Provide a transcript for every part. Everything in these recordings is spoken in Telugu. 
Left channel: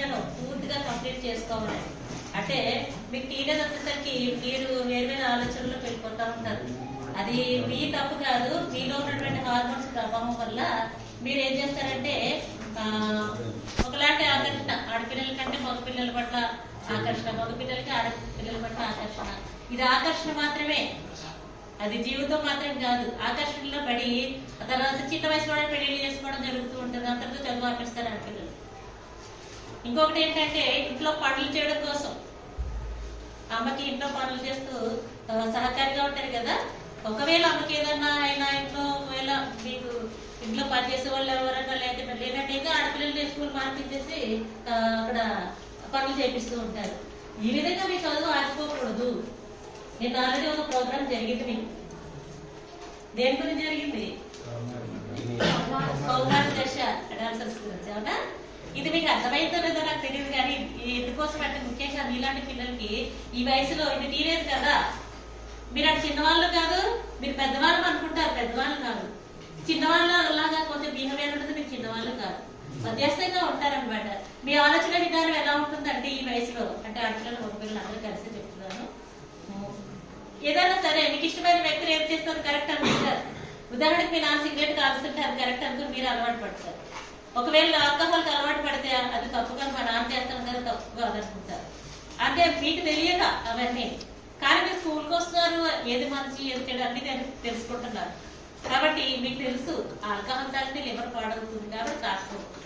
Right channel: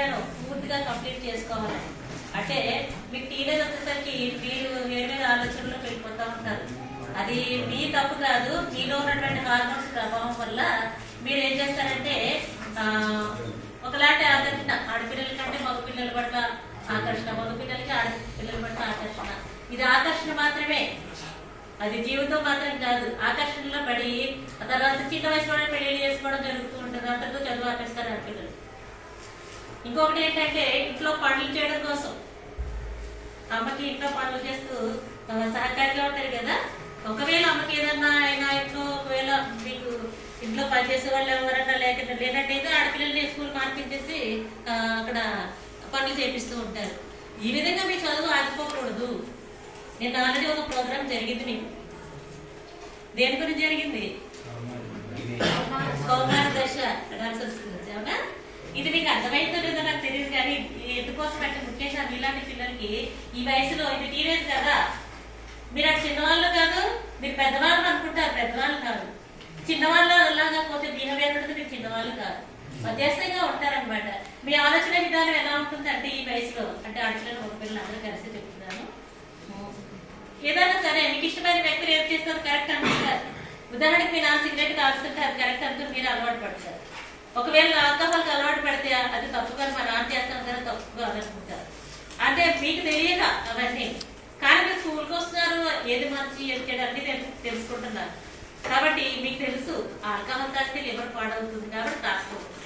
అధ్యయనం పూర్తిగా కంప్లీట్ చేసుకోవాలి. అంటే మీకు టీనేజ్ వచ్చేసరికి మీరు వేరు వేరే ఆలోచనలో వెళ్ళిపోతూ ఉంటారు. అది మీ తప్పు కాదు, మీలో ఉన్నటువంటి హార్మోన్స్ ప్రభావం వల్ల మీరు ఏం చేస్తారంటే ఒకలాంటి ఆకర్షణ, ఆడపిల్లల కంటే మగపిల్లల పట్ల ఆకర్షణ, మగపిల్లలకి ఆడపిల్లల పట్ల ఆకర్షణ. ఇది ఆకర్షణ మాత్రమే, అది జీవితం మాత్రం కాదు. ఆకర్షణలో పడి తర్వాత చిన్న వయసులోనే పెళ్లి చేసుకోవడం జరుగుతూ ఉంటుంది. అంతకు చదువు ఆపేస్తారు ఆడపిల్లలు. ఇంకొకటి ఏంటంటే ఇంట్లో పనులు చేయడం కోసం అమ్మకి ఇంట్లో పనులు చేస్తూ సహకారిగా ఉంటారు కదా. ఒకవేళ అమ్మకి ఏదన్నా అయినా ఇంట్లో ఒకవేళ మీకు ఇంట్లో పనిచేసే వాళ్ళు ఎవరన్నా లేనట్టయితే ఆడపిల్లల్ని స్కూల్ మార్పించేసి అక్కడ పనులు చేపిస్తూ ఉంటారు. ఈ విధంగా మీ చదువు ఆగిపోకూడదు. నేను ఆల్రెడీ ఒక ప్రోగ్రామ్ జరిగింది మీకు. దేని గురించి జరిగింది? కౌమార దశ డాన్సర్స్ గురించి. అవునా? ఇది మీకు అర్థమైతే లేదో నాకు తెలియదు, కానీ ఎందుకోసం అంటే ముఖ్యంగా మీలాంటి పిల్లలకి ఈ వయసులో ఇది టీనేజ్ కదా. మీరు అటు చిన్నవాళ్ళు కాదు, మీరు పెద్దవాళ్ళు అనుకుంటారు, పెద్దవాళ్ళు కాదు. చిన్నవాళ్ళు అలాగా కొంచెం బిహేవియర్ ఉంటుంది, మీరు చిన్నవాళ్ళు కాదు, మధ్యస్థంగా ఉంటారనమాట. మీ ఆలోచన విధానం ఎలా ఉంటుందంటే ఈ వయసులో, అంటే ఆడపిల్లలు ఒక పిల్లలు అందరూ కలిసి చెప్తున్నాను. ఏదైనా సరే మీకు ఇష్టమైన వ్యక్తులు ఏం చేస్తారు కరెక్ట్ అనుకుంటారు. ఉదాహరణకి మీ నాన్న సిగరెట్ కాల్స్తుంటే అది కరెక్ట్ అనుకుని మీరు అలవాటు పడతారు. ఒకవేళ ఆల్కహాల్కి అలవాటు పడితే అది తప్పుగా మా నాన్న చేస్తాను కదా తప్పుగా అనుకుంటారు. అంటే మీకు తెలియక అవన్నీ, కానీ మీరు స్కూల్కి వస్తున్నారు, ఏది మంచి ఏది చెడు అన్ని తెలుసుకుంటున్నారు. కాబట్టి మీకు తెలుసు ఆల్కహాల్ తాగితే లివర్ పాడవుతుంది కాబట్టి తాగకూడదు.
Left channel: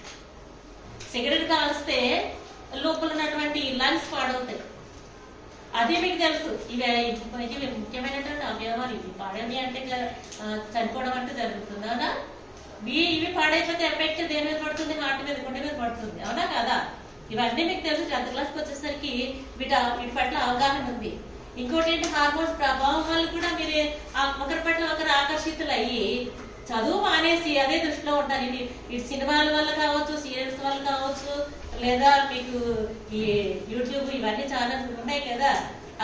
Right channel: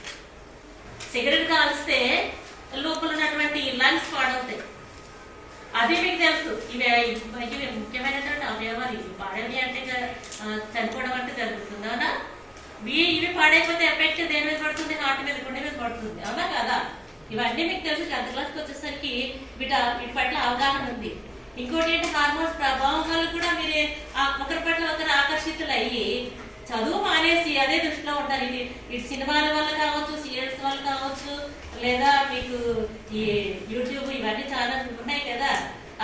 సిగరెట్ కాల్స్తే లోపల ఉన్నటువంటి లంగ్స్ పాడవుతాయి, అదే మీకు తెలుసు. ఇవి ముఖ్యమైనటువంటి అవయవాలు. ఇవి పాడేవి అంటే చనిపోవడం అంటే జరుగుతుంది. అవునా? ఇవి పాడైపోతే ఎఫెక్ట్ దేని మీద పడుతుంది? హార్ట్ మీద, గుండె మీద పడుతుంది. అవునా కదా? ఇవన్నీ మీకు తెలుసు. 10th క్లాస్కి వచ్చేసరికి వీటి పట్ల అవగాహన ఉంది. ఇంకోటి ఏంటి, హార్మోన్స్ ప్రభావం వల్ల కూడా మీరు ఒకరి పట్ల ఒకరు ఆకర్షితులు అయ్యి చదువు మానేసి అదే దృష్టిలో ఉంటారు. ఇది సినిమాల వల్ల కావచ్చు, సీరియల్స్ వల్ల కావచ్చు, లేదా మీకు ఈ యూట్యూబ్ ఇవన్నీ చాలా ఉన్నాయి కదా,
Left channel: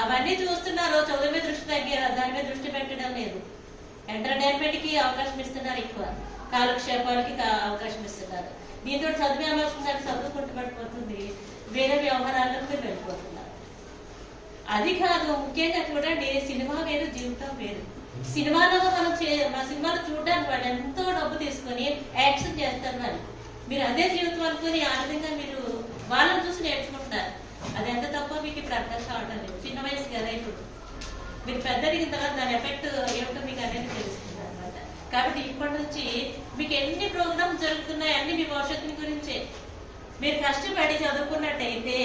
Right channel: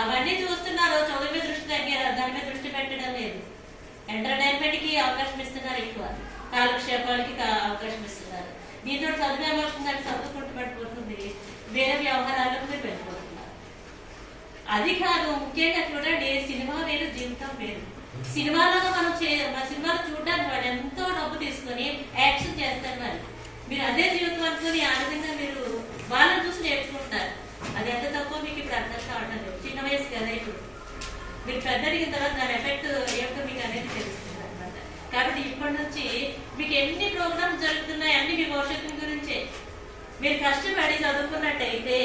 అవన్నీ చూస్తున్నారు. చదువు మీద దృష్టి తగ్గారు, దాని మీద దృష్టి పెట్టడం లేదు. ఎంటర్టైన్మెంట్ కి అవకాశం ఇస్తున్నారు, ఎక్కువ కాలక్షేపాలకి అవకాశం ఇస్తున్నారు. దీంతో చదువు ఏమవుతుంది, చదువుకుంటూ పడిపోతుంది, వేరే వ్యవహారాలకు మీరు వెళ్ళిపోతున్నారు. అది కాదు, ముఖ్యంగా చూడండి, సినిమా వేరు, జీవితం వేరు. సినిమాలో మనం సినిమాలు చూడడానికి వాళ్ళు ఎంతో డబ్బు తీసుకొని యాక్షన్ చేస్తారు. మీరు అదే జీవితం అనుకుని ఆ విధంగా మీరు వాళ్ళని చూసి నేర్చుకుంటారు. అది ఎంత తప్పో మీకు ఇప్పుడు అర్థం కావడం లేదు. చిన్న వయసు కదా, ఇప్పుడు మీరు పెద్దరిగిన తర్వాత దాని ఎఫెక్ట్ ఏమిటో మీకు అనేది తెలుస్తుంది అనమాట. కాబట్టి ఇప్పటి నుంచి మీకు ఎన్ని ప్రోగ్రామ్స్ జరుగుతున్నాయి అన్ని మీ భవిష్యత్తు గురించే. మీరు కష్టపడి చదువుకున్నట్టయితే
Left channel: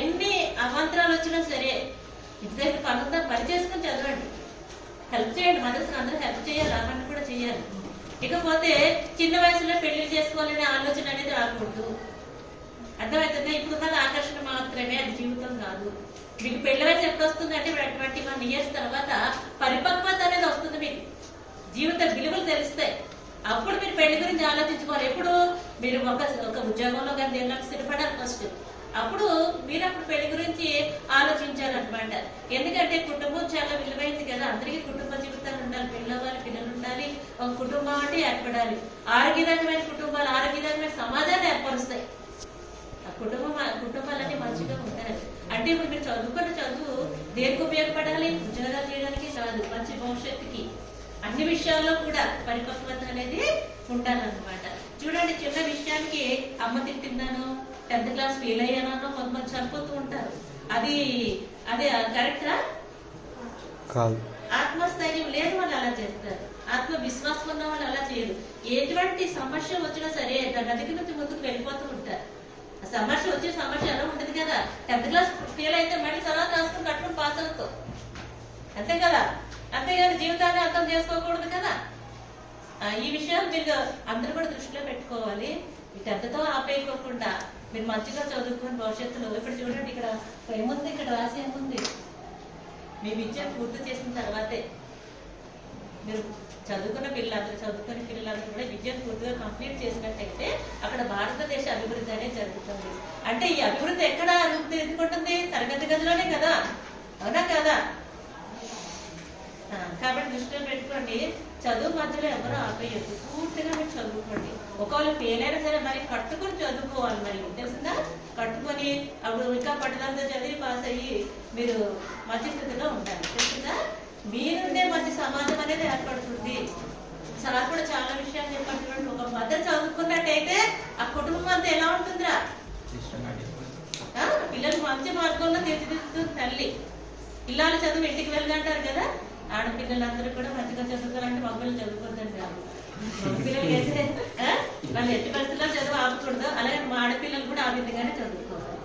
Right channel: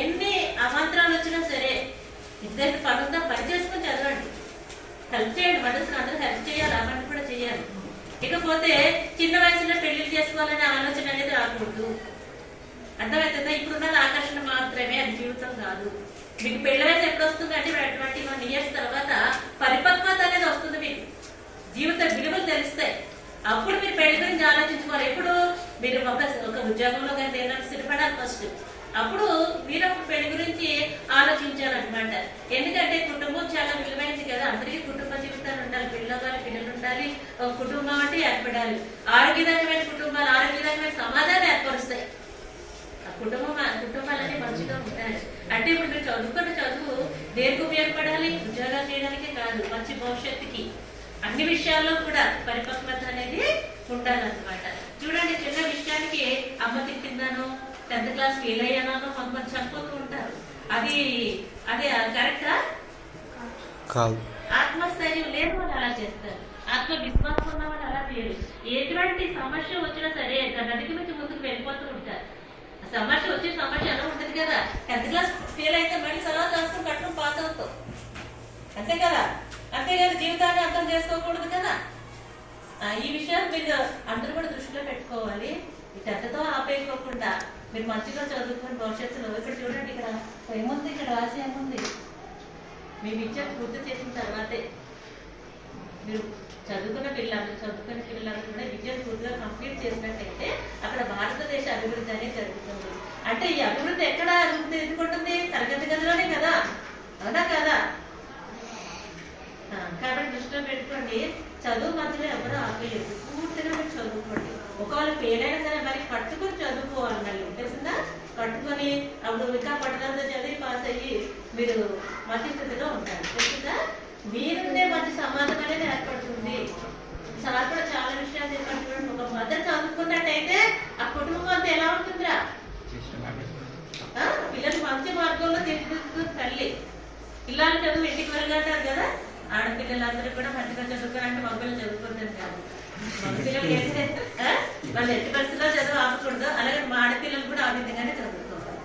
ఎన్ని అవాంతరాలు వచ్చినా సరే ఇద్దరు పనులతో పని చేసుకుని చదవండి, హెల్ప్ చేయండి. మనుషులు అందరూ హెల్ప్ చేయాలి, అవన్నీ కూడా చేయాలి. ఇకపోతే చిన్న వయసులో పెళ్లి చేసుకోవాలనే ఆలోచన అనేది రాకూడదు. అర్థమవుతుందా? ఇప్పుడున్నది ఆకర్షణ మాత్రమే, అది జీవితం కాదు. మీకు పెళ్లి వయసు ఎప్పుడు వస్తుందంటే 21 years తర్వాత పరిపక్వత అనేది వస్తుంది. మీకు జీవిత విలువలు తెలుస్తాయి. అప్పుడు మీరు పెళ్లి గురించి ఆలోచించుకోవాలి. ఎప్పుడు మీరు ఒక ఉద్యోగంలో కానీ దేనిలో స్థిరపడాలి ఫస్ట్. అప్పుడు మీరు అప్పుడు పెళ్లి గురించి ఆలోచించాలన్నమాట. ఎందుకంటే కుటుంబం చాలా విలువైంది కదా. అందరికీ కుటుంబ జీవితాలు ఉండాలి, పిల్లలు ఉండాలి, కుటుంబం అంటే ఏర్పడాలి. ఆరోగ్యదాయకమైన కుటుంబాలు ఆరోగ్యదాయకమైన సమాజాన్ని ఏర్పరుస్తాయి. కుటుంబాలన్నీ మంచిగా ఉంటాయి. అంటే ఇప్పుడు మీరు చదువుకున్న చదువు దేనికి ఉపయోగపడాలి? ఉద్యోగాలు చేయడానికే కాదు, మంచి భవిష్యత్తుకి, అన్ని విషయాల్లో కూడా పరిపక్వత అనేది ఉండాలన్నమాట. చూడండి, చిన్న విషయానికి అమ్మ తిట్టిందాను, 10th class ఫెయిల్ అయ్యానో కొంతమంది చనిపోతూ ఉంటారు. అది కరెక్టా? ఆత్మస్థైర్యం లేని వాళ్ళు అలా చేస్తారు, ఆత్మ విశ్వాసం ఉన్న వాళ్ళు అలా చేయరు. ఎటువంటి సమస్య వచ్చినా సరే దాని అధిగమించి ముందుకు వెళ్ళిపోతూ ఉంటారు. సమస్య వచ్చే సమస్య ఎలా ఉంటుంది కదా. 10th class ఫెయిల్ అయితే మళ్ళీ తర్వాత రాసుకుని కట్టడం పాస్ అవుతాం, అంతే కదా. అంతేగాని జీవితాన్ని అర్థం చేసుకోకూడదు కదా. ఈ విషయాలు మీరు అందరూ కూడా దృష్టిలో పెట్టుకోవాలి. ఈ 10th ఆపేయకోకుండా మీరు మంచిగా చదువుకొని భవిష్యత్తులో, ఇక్కడ చూడండి, ఇక్కడ ఏముంది, ఇక్కడ రాసి ఏముంది, మీ విద్య పూర్తి చేసిన తర్వాతే మీరు చదువుకునే పిల్లలందరూ కూడా విద్యను పూర్తిగా కంప్లీట్ చేసినట్టయితే అక్కడ భారతదేశ అభివృద్ధి అనేది జరుగుతుంది. అంటే ఈ అభివృద్ధి ఎక్కడ అభివృద్ధి ఎదుర్కొంటుంది? తరగతి గదిలోనే కదా, అవునా కదా. కాబట్టి దృష్టిలో పెట్టుకోండి, చదువు మధ్యలో ఎవరో ఆపేయద్దు, పూర్తిగా మీరు చదువుకోండి. ఒకవేళ ఫెయిల్ అయినా సరే మరి పట్టుకుని చదువుకోవాలి, మరి తెలిసిందా? కట్టుకొని అప్పుడు ఇంకా పట్టదంతా చదివి పాస్ అయ్యి మీరు మంచి స్థితిలో ఉంటారు. తెలుసుగా మీరుండే మంచి సమాజం అనేది ఏర్పడుతుంది. సార్ కూడా చాలా విషయాలు చెప్పండి. ఒక మదర్ చదువుకున్నట్టయితే ఆ కుటుంబం అంతా ఎలా ఉంటుందిరా? పిల్లలు మంచి మార్గంలో తీర్చిదిద్దుతుంది తల్లి. పిల్లలు చదువు ఇంటికి వెళ్ళంటారు కదా, ఆడపిల్లలందరూ కూడా మంచిగా చదువుకోవాలంటే మగపిల్లలు చదువుకుంటారు కాదు. మగపిల్లలు వేస్తే వాళ్ళు ఎట్టి పరిస్థితుల్లో చదువు ఆపకూడదు, అలాగే మా ఆడపిల్లలు కూడా ఆ విధంగానే చదువుకోవాలి.